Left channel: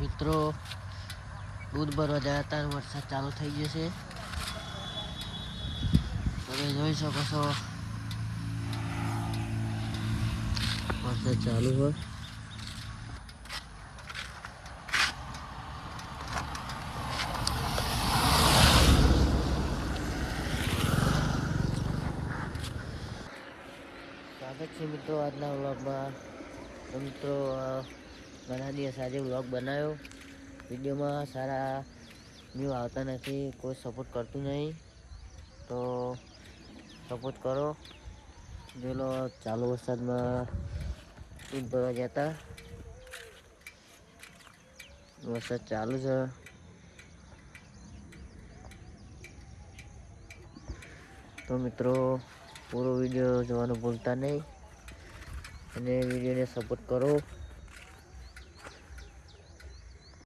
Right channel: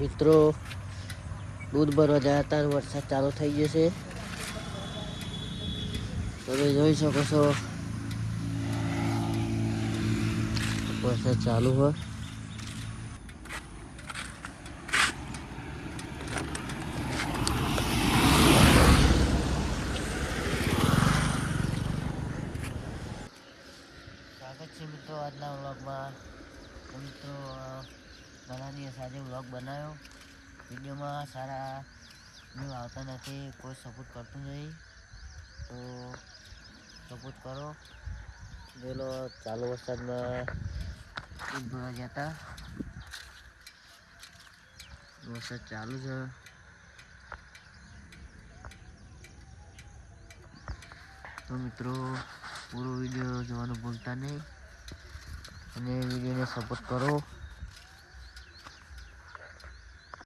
મિત્રો દૂધ ભરવા ગયા હતા, વરસાદ ચાલુ થઈ જશે. તમે જોઈ શકો છો વરસાદ ચાલુ હોય. સ્વાગત છે મિત્રો આજના વ્લોગમાં. મિત્રો ઘણા દિવસ આજે વ્લોગ બનાવ્યો. વિડીયોમાં સારા વ્યૂ આવતા નથી, કોઈ સપોર્ટ કરતું નહીં, તો સપોર્ટ કરો. જેનો ચાલુ વરસાદમાં દૂધ ભરવા ગયા હતા. વરસાદ ચાલુ છે. તો મિત્રો પૂરો વિડીયો જોવાનું ભૂલતા નહીં અને વિડીયોને સપોર્ટ કરો.